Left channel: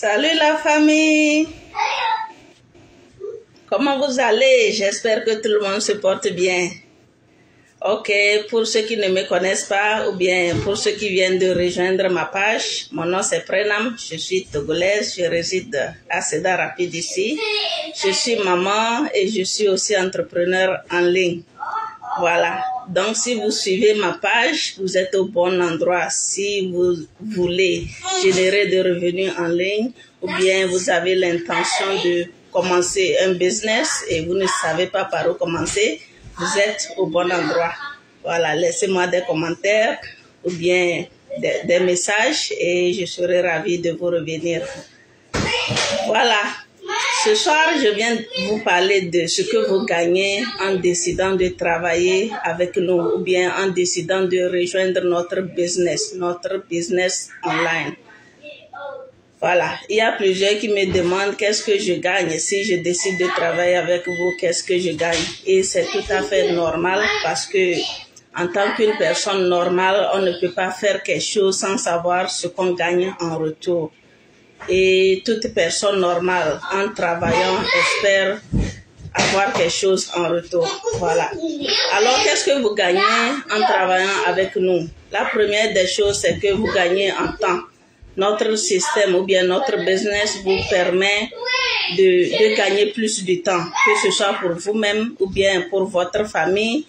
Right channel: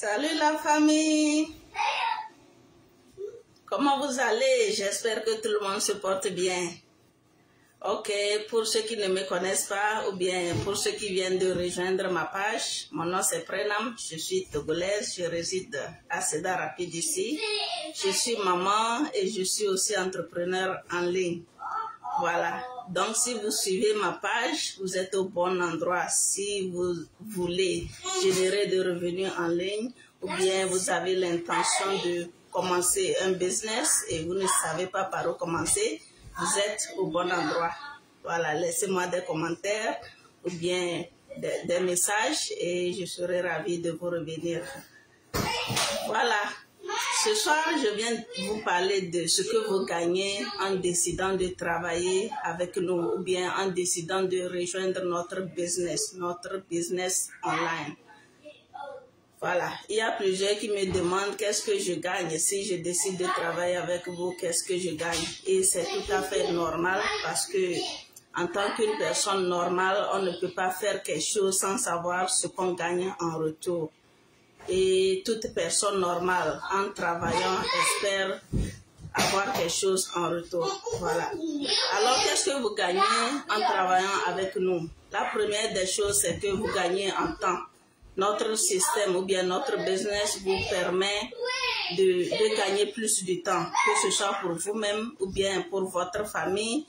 Salut la famille. Comment vous allez? J'espère que tout le monde se porte bien. Ok, pour ceux qui ne me connaissent pas ou bien pour ceux qui viennent de rejoindre ma page, mon nom c'est Prenam, je suis togolaise, je réside à Cedar Rapids ici. Je suis maman et je suis aussi entrepreneur en ligne. Voilà, donc si vous suivez ma page, vous êtes au bon endroit. Si vous voulez générer des revenus en ligne ou bien vous avez l'intention de commencer un business et vous ne savez pas par où commencer, vous êtes au bon endroit. Voilà, laissez-moi des commentaires ou bien des messages et je serai ravie de vous revenir. Voilà. Ce soir, je viens vous parler de ce que vous gagnez en décidant de travailler avec nous ou bien en décidant de rejoindre notre business online. Voilà, il y a plusieurs qui me demandent qu'est-ce que je gagne si je décide de travailler avec vous, qu'est-ce que je gagne. Et c'est tout à fait normal parce que en tant qu'une personne normale, on ne peut pas faire quelque chose sans savoir ce qu'on gagne en retour. Et toute personne normale, en travaillant, espère avoir quelque chose en retour. Voilà. Alors, qu'est-ce que vous gagnez en travaillant avec nous? La première des choses, c'est que vous gagnez en temps. Notre système ou bien notre business vous permet de gagner plus de temps, que ce soit pour vous-même ou bien pour votre famille.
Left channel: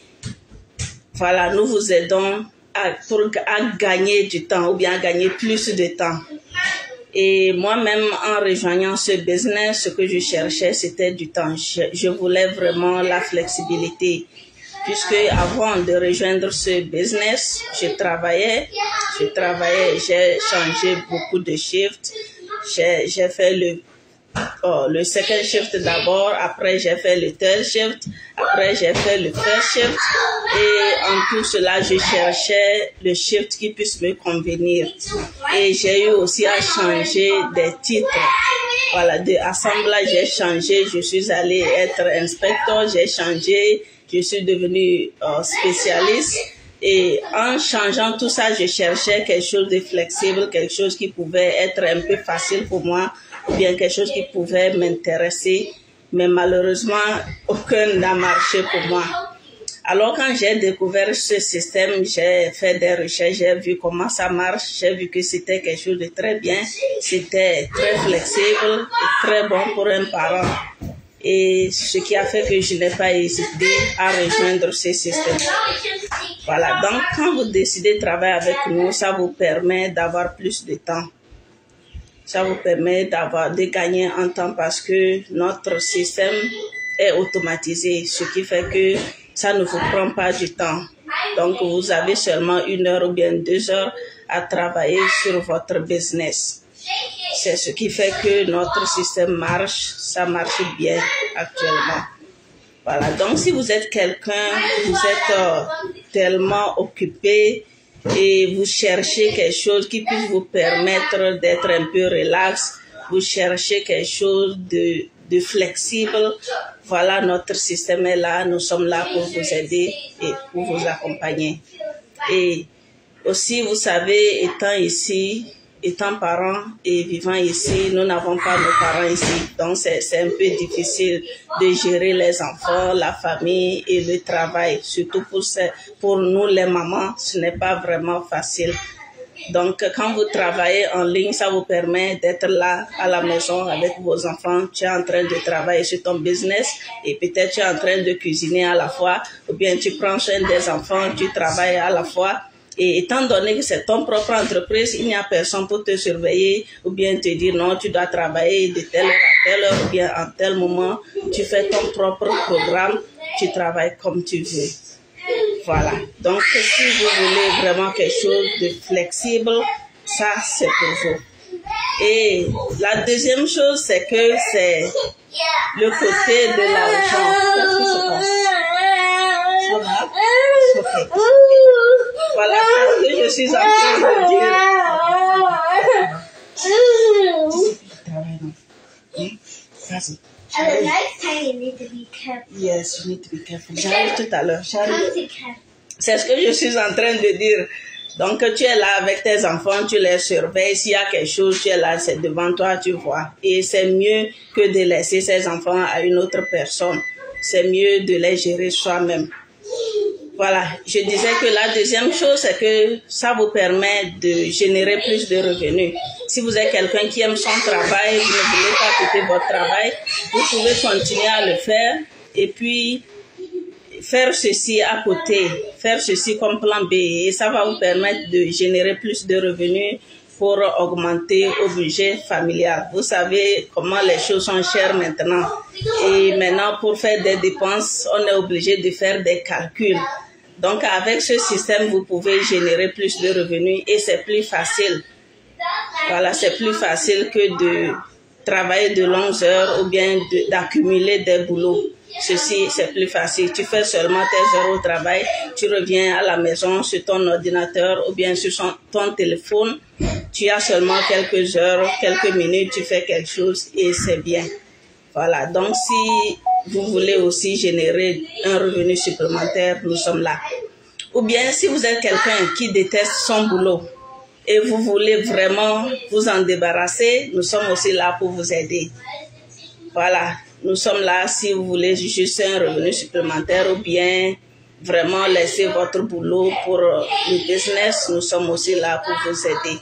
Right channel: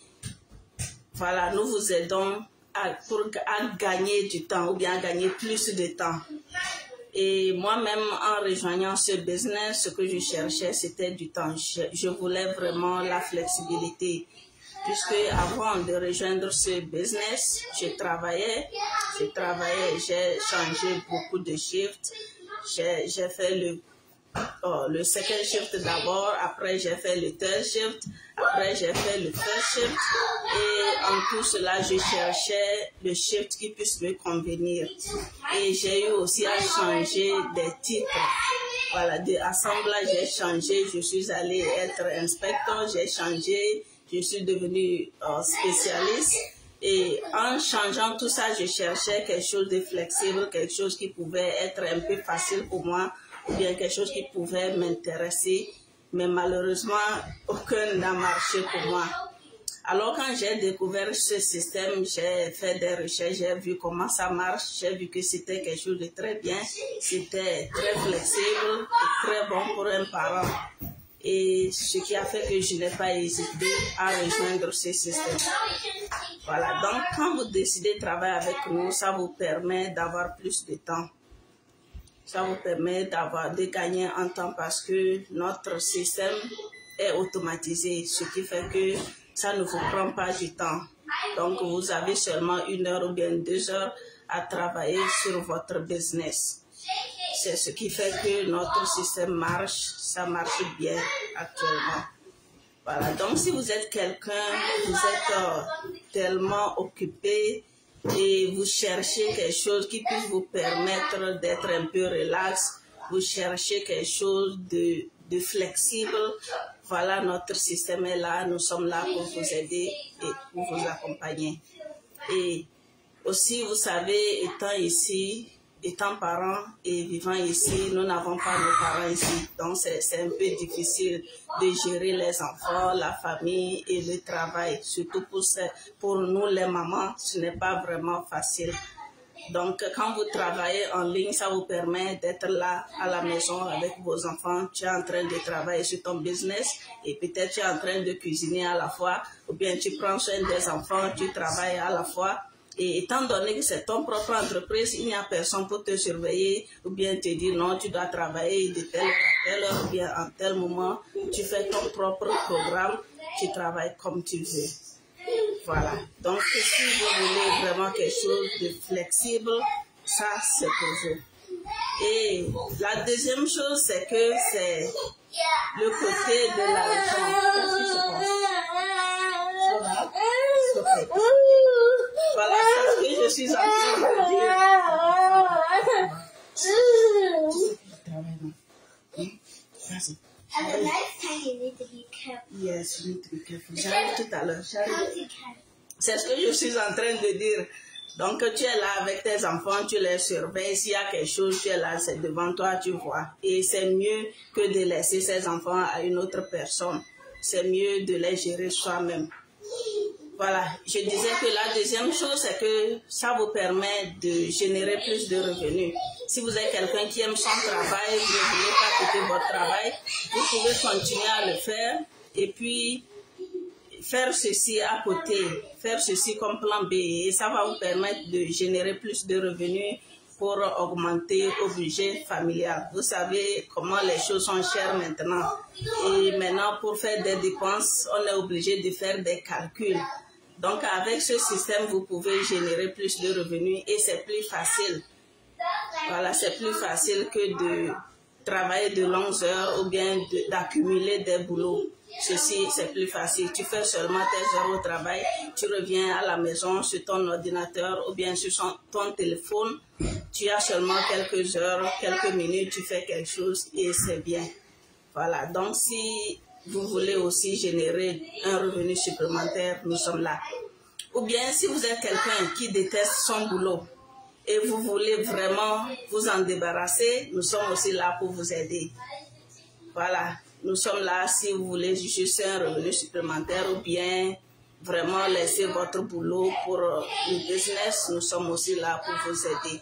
Voilà, nous vous aidons à gagner du temps ou bien à gagner plus de temps. Et moi-même, en rejoignant ce business, ce que je cherchais, c'était du temps. Je voulais vraiment la flexibilité. Puisque avant de rejoindre ce business, j'ai travaillé, j'ai changé beaucoup de shifts. J'ai fait le second shift d'abord, après j'ai fait le third shift, après j'ai fait le first shift. Et en tout cela, je cherchais le shift qui puisse me convenir. Et j'ai eu aussi à changer des titres. Voilà, de assemblage, j'ai changé, je suis allée être inspecteur, j'ai changé, je suis devenue spécialiste. Et en changeant tout ça, je cherchais quelque chose de flexible, quelque chose qui pouvait être un peu facile pour moi, ou bien quelque chose qui pouvait m'intéresser. Mais malheureusement, aucun n'a marché pour moi. Alors quand j'ai découvert ce système, j'ai fait des recherches, j'ai vu comment ça marche, j'ai vu que c'était quelque chose de très bien, c'était très flexible et très bon pour un parent. Et ce qui a fait que je n'ai pas hésité à rejoindre ce système. Voilà, donc quand vous décidez de travailler avec nous, ça vous permet d'avoir plus de temps. Ça vous permet de gagner en temps parce que notre système est automatisé, ce qui fait que ça ne vous prend pas du temps. Donc, vous avez seulement 1 heure ou bien 2 heures à travailler sur votre business. C'est ce qui fait que notre système marche, ça marche bien actuellement. Voilà, donc si vous êtes quelqu'un, vous êtes tellement occupé et vous cherchez quelque chose qui puisse vous permettre d'être un peu relax, vous cherchez quelque chose de flexible, voilà, notre système est là, nous sommes là pour vous aider et pour vous accompagner. Et aussi, vous savez, étant parents et vivant ici, nous n'avons pas nos parents ici. Donc, c'est un peu difficile de gérer les enfants, la famille et le travail. Surtout pour nous, les mamans, ce n'est pas vraiment facile. Donc, quand vous travaillez en ligne, ça vous permet d'être là à la maison avec vos enfants. Tu es en train de travailler sur ton business et peut-être tu es en train de cuisiner à la fois ou bien tu prends soin des enfants, tu travailles à la fois. Et étant donné que c'est ton propre entreprise, il n'y a personne pour te surveiller ou bien te dire non, tu dois travailler de telle heure à telle heure ou bien en tel moment. Tu fais ton propre programme, tu travailles comme tu veux. Voilà, donc si vous voulez vraiment quelque chose de flexible, ça c'est pour vous. Et la deuxième chose, c'est que c'est le côté de l'argent. Qu'est-ce qui se passe? Okay. Voilà ce que je suis en train de dire. Vas-y. At the next time, you need to be careful. Yes, you need to be careful. J'arrive tout à l'heure. C'est ce que je suis en train de dire. Donc, tu es là avec tes enfants, tu les surveilles. S'il y a quelque chose, tu es là, c'est devant toi, tu vois. Et c'est mieux que de laisser ces enfants à une autre personne. C'est mieux de les gérer soi-même. Voilà, je disais que la deuxième chose, c'est que ça vous permet de générer plus de revenus. Si vous êtes quelqu'un qui aime son travail, vous ne voulez pas quitter votre travail, vous pouvez continuer à le faire et puis faire ceci à côté, faire ceci comme plan B et ça va vous permettre de générer plus de revenus pour augmenter au budget familial. Vous savez comment les choses sont chères maintenant. Et maintenant, pour faire des dépenses, on est obligé de faire des calculs. Donc, avec ce système, vous pouvez générer plus de revenus et c'est plus facile. Voilà, c'est plus facile que de travailler de longues heures ou bien d'accumuler des boulots. Ceci, c'est plus facile. Tu fais seulement tes heures au travail, tu reviens à la maison sur ton ordinateur ou bien sur ton téléphone. Tu as seulement quelques heures, quelques minutes, tu fais quelque chose et c'est bien. Voilà, donc si vous voulez aussi générer un revenu supplémentaire, nous sommes là. Ou bien si vous êtes quelqu'un qui déteste son boulot et vous voulez vraiment vous en débarrasser, nous sommes aussi là pour vous aider. Voilà, nous sommes là si vous voulez juste un revenu supplémentaire ou bien vraiment laisser votre boulot pour le business, nous sommes aussi là pour vous aider.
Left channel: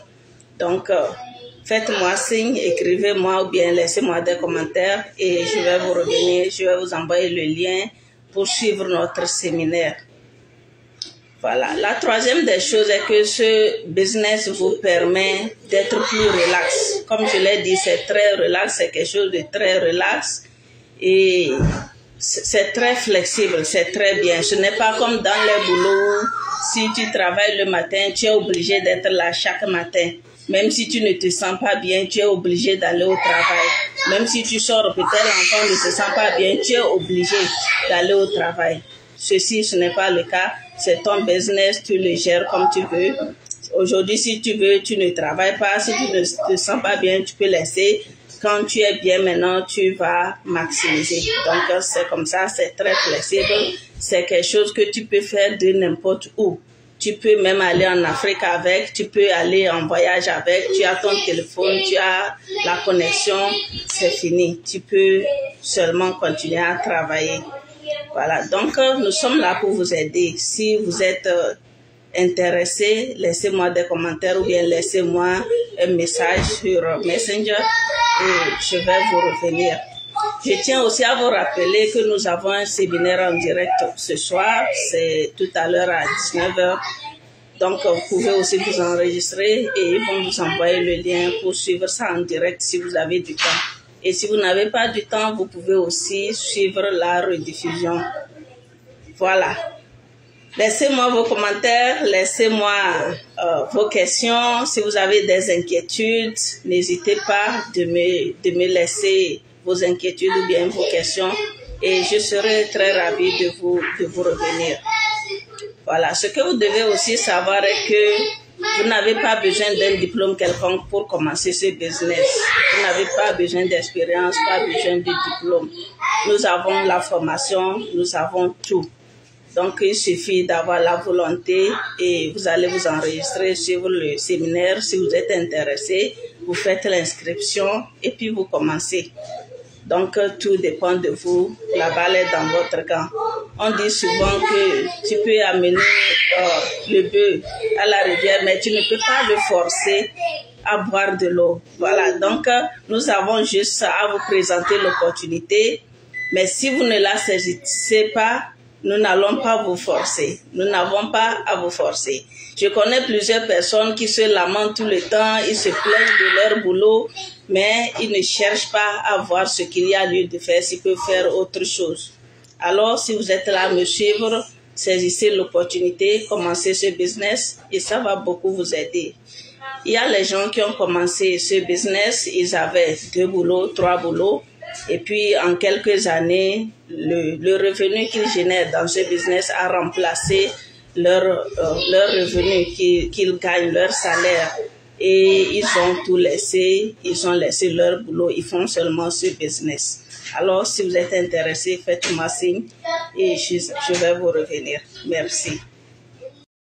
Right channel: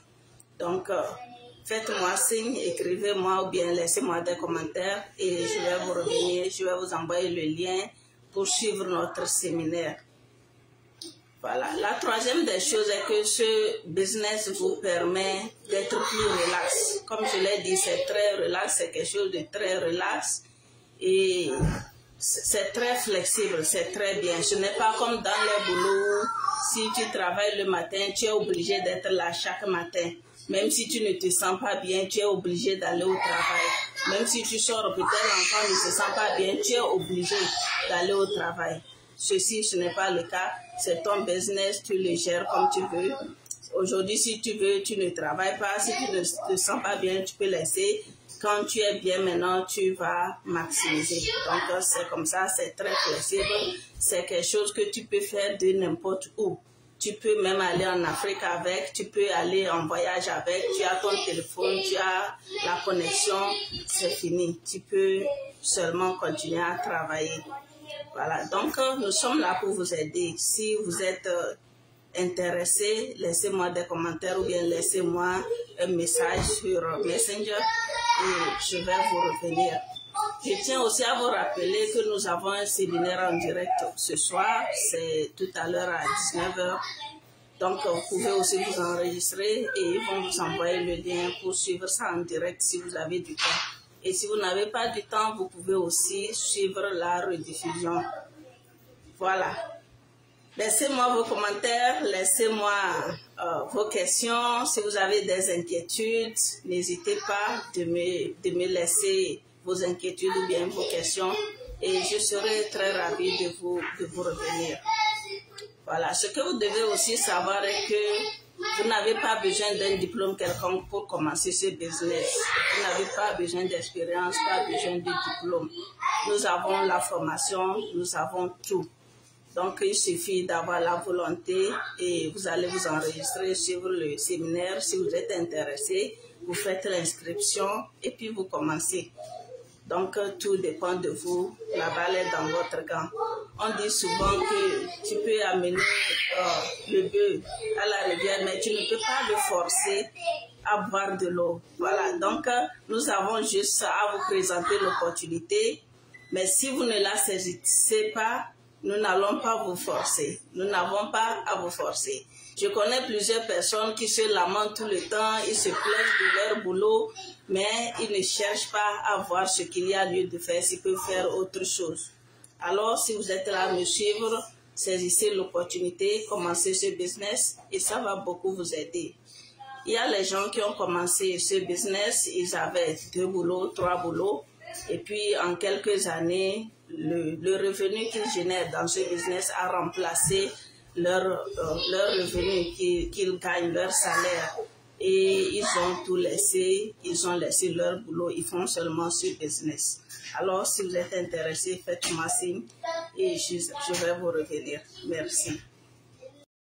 Donc, faites-moi signe, écrivez-moi ou bien laissez-moi des commentaires et je vais vous revenir, je vais vous envoyer le lien pour suivre notre séminaire. Voilà. La troisième des choses est que ce business vous permet d'être plus relax. Comme je l'ai dit, c'est très relax, c'est quelque chose de très relax et c'est très flexible, c'est très bien. Ce n'est pas comme dans les boulots, si tu travailles le matin, tu es obligé d'être là chaque matin. Même si tu ne te sens pas bien, tu es obligé d'aller au travail. Même si tu sors, peut-être l'enfant ne se sent pas bien, tu es obligé d'aller au travail. Ceci, ce n'est pas le cas. C'est ton business, tu le gères comme tu veux. Aujourd'hui, si tu veux, tu ne travailles pas. Si tu ne te sens pas bien, tu peux laisser. Quand tu es bien maintenant, tu vas maximiser. Donc, c'est comme ça, c'est très flexible. C'est quelque chose que tu peux faire de n'importe où. Tu peux même aller en Afrique avec, tu peux aller en voyage avec, tu as ton téléphone, tu as la connexion, c'est fini. Tu peux seulement continuer à travailler. Voilà, donc nous sommes là pour vous aider. Si vous êtes intéressé, laissez-moi des commentaires ou bien laissez-moi un message sur Messenger et je vais vous revenir. Je tiens aussi à vous rappeler que nous avons un séminaire en direct ce soir, c'est tout à l'heure à 19h. Donc vous pouvez aussi vous enregistrer et ils vont vous envoyer le lien pour suivre ça en direct si vous avez du temps. Et si vous n'avez pas du temps, vous pouvez aussi suivre la rediffusion. Voilà. Laissez-moi vos commentaires, laissez-moi vos questions. Si vous avez des inquiétudes, n'hésitez pas de me laisser vos inquiétudes ou bien vos questions. Et je serai très ravie de vous revenir. Voilà. Ce que vous devez aussi savoir est que vous n'avez pas besoin d'un diplôme quelconque pour commencer ce business. Vous n'avez pas besoin d'expérience, pas besoin de diplôme. Nous avons la formation, nous avons tout. Donc, il suffit d'avoir la volonté et vous allez vous enregistrer sur le séminaire. Si vous êtes intéressé, vous faites l'inscription et puis vous commencez. Donc, tout dépend de vous. La balle est dans votre camp. On dit souvent que tu peux amener le bœuf à la rivière, mais tu ne peux pas le forcer à boire de l'eau. Voilà, donc nous avons juste à vous présenter l'opportunité. Mais si vous ne la saisissez pas, nous n'allons pas vous forcer. Nous n'avons pas à vous forcer. Je connais plusieurs personnes qui se lamentent tout le temps, ils se plaignent de leur boulot, mais ils ne cherchent pas à voir ce qu'il y a lieu de faire, s'ils peuvent faire autre chose. Alors, si vous êtes là à me suivre, saisissez l'opportunité, commencez ce business et ça va beaucoup vous aider. Il y a les gens qui ont commencé ce business, ils avaient 2 boulots, 3 boulots, et puis en quelques années, le revenu qu'ils génèrent dans ce business a remplacé leur revenu qu'ils gagnent, leur salaire. Et ils ont tout laissé, ils ont laissé leur boulot, ils font seulement ce business. Alors, si vous êtes intéressé, faites-moi signe et je vais vous revenir. Merci.